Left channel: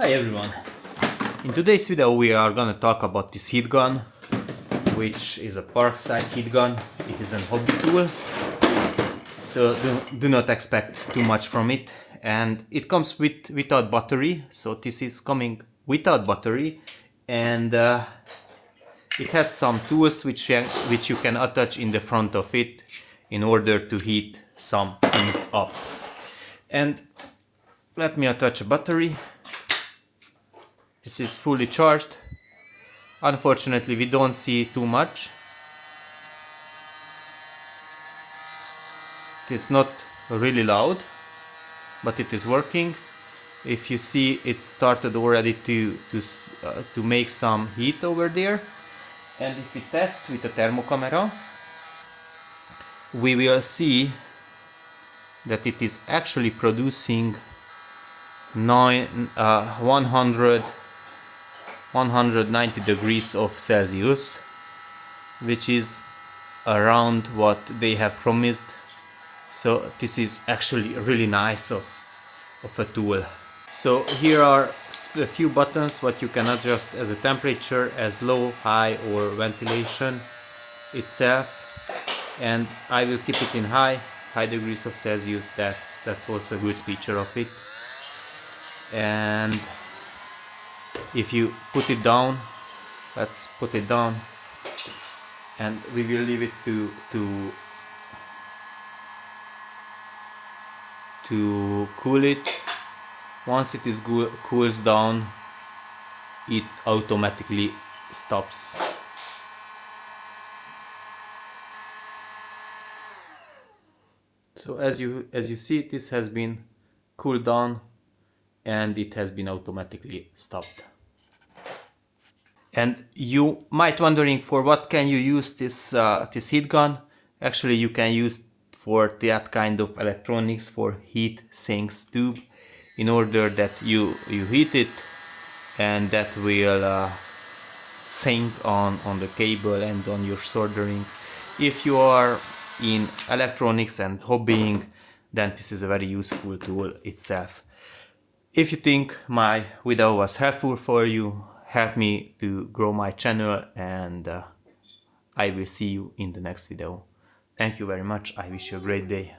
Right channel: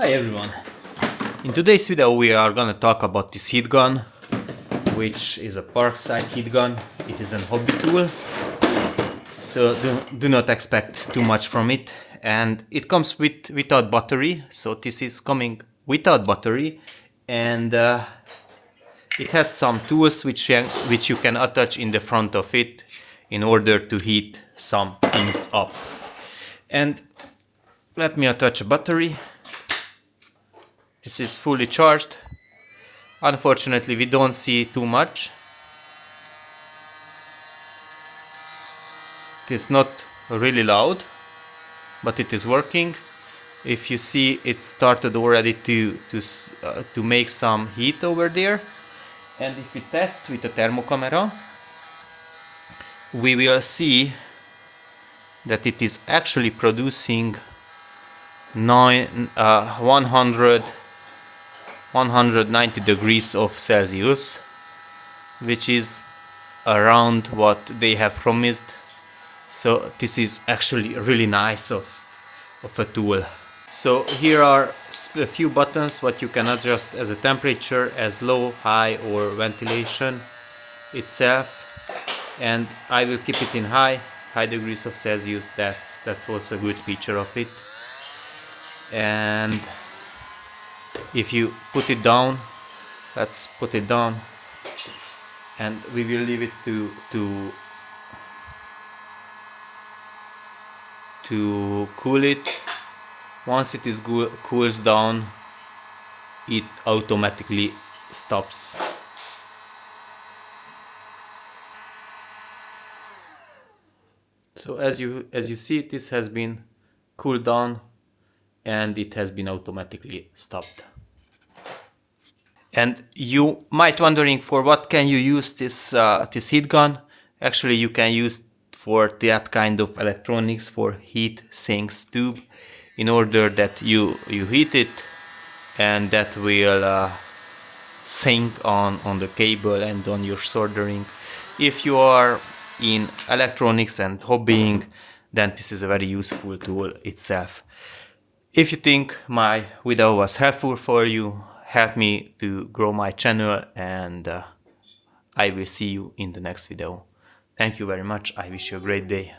Hi everyone! In today's video we are gonna talk about this heat gun, which is a Parkside heat gun. It is a hobby tool, so do not expect too much from it. And it comes without battery, so this is coming without battery, and it has some tools which you can attach in the front of it in order to heat some things up. And let me attach a battery. This is fully charged. Unfortunately, we don't see too much. It's not really loud, but it is working. If you see, it started already to make some heat over there. And if we test with a thermocamera, we will see that it is actually producing 190 degrees of Celsius, which is around what they have promised. So this is actually really nice of a tool. So here are a few buttons what you can adjust as a temperature, as low, high, or ventilation itself. And I will keep it in high degrees of Celsius. That's also a good feature of it. And if you put it down, let's put it down, and we will leave it to cool it. Once it is cools down, it automatically stops. So as you see, this has been cooled down and it has been automatically stopped. And you might wondering, for what can you use this heat gun? Actually, you can use for that kind of electronics, for heat sinks tube, in order that you heat it, and that will sink on the cable and on your soldering. If you are in electronics and hobbying, then this is a very useful tool itself. If you think my video was helpful for you, help me to grow my channel, and I will see you in the next video. Thank you very much. I wish you a great day.